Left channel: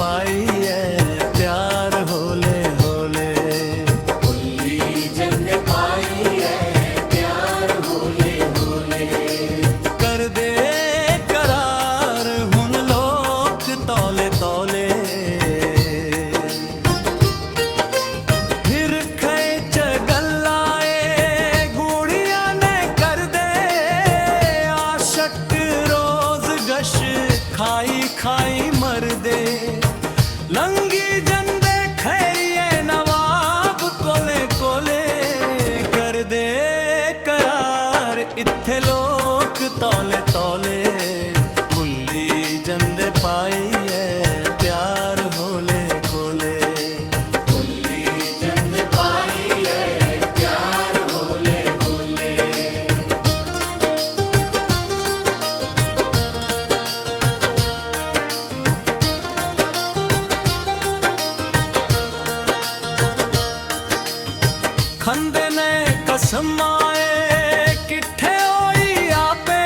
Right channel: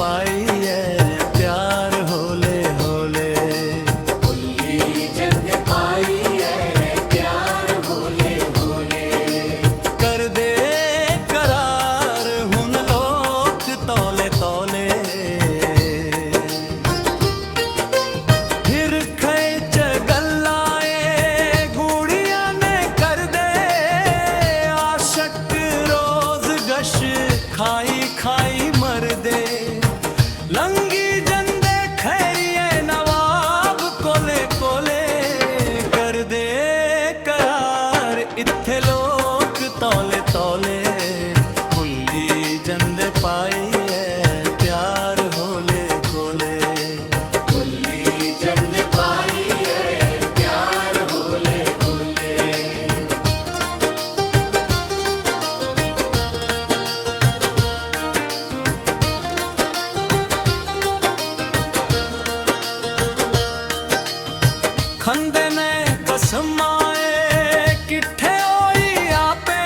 पाई है प्यार होले होले। भुल्ली जंद पाई है प्यार होले होले। कर दे करार हुन लोक तौले तौले। फिर खेच गल्लाए गुड़िया ने कर दे आशक रोज गश खाई खाई मर दे। लंगी जंदे खैरिए नवाब कोले कोले। कर दे करार इत्थे लोक तौले तौले। भुल्ली जंदे पाई है प्यार होले होले। भुल्ली जंद पाई है प्यार होले होले। खंदे ने कसमाए किट्ठे होई आपे।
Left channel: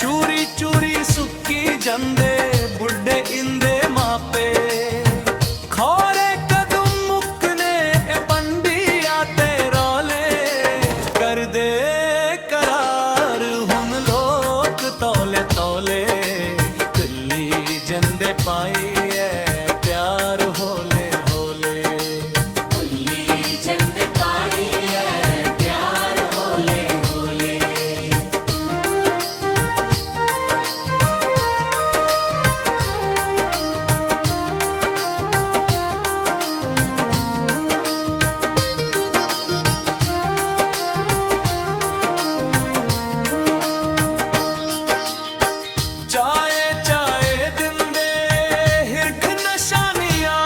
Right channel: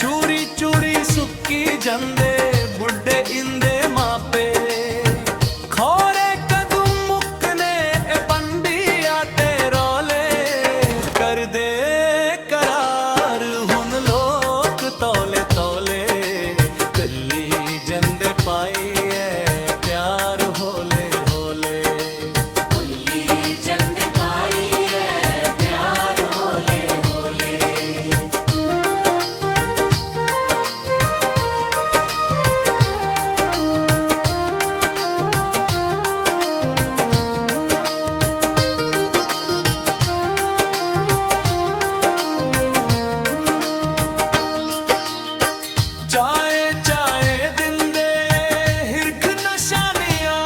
चूरी चूरी सुक्की जंदे बुढ़े इंदे मापे। खोरे कदम मुकने ए पंडी आते रोले। कर दे करार हुन लोक तौले तौले। दिल्ली जंदे पाई है प्यार होले होले। भुल्ली जंद पाई है प्यार होले होले। चाहे चाहे दिंदे हिरख नशानियां।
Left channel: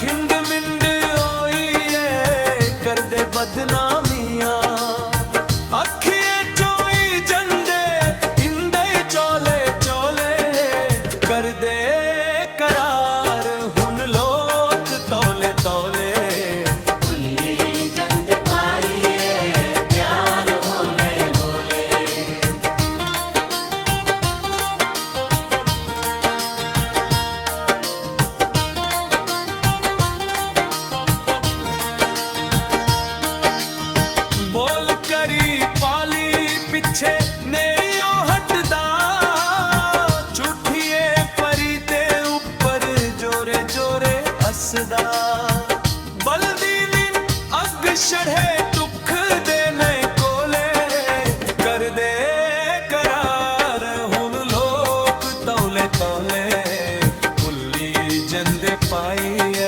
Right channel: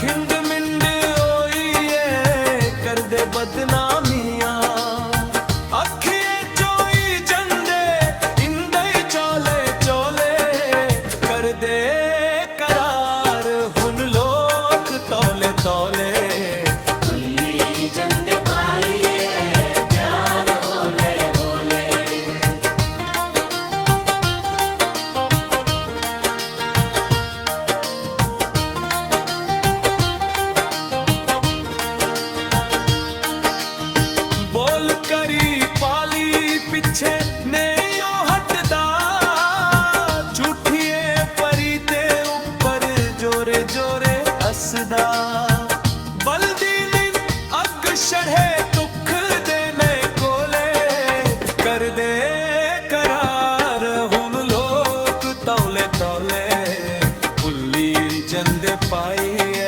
खिंड मिंड होई है कर दे बदनामियां। अखिए चोई जंदे इंदे चोले चोले। कर दे करार हुन लोक तौले तौले। भुल्ली जंद पाई है प्यार होले होले। बोल करी पाली पिछे नहीं ओ हटदा। झूठिए परी ते ऊपर जोरे जोरे हसदा। बलदी नीन अग छड़े दुख देने कोले। कर दे करार हुन लोक तौले तौले। भुल्ली जंदे पाई है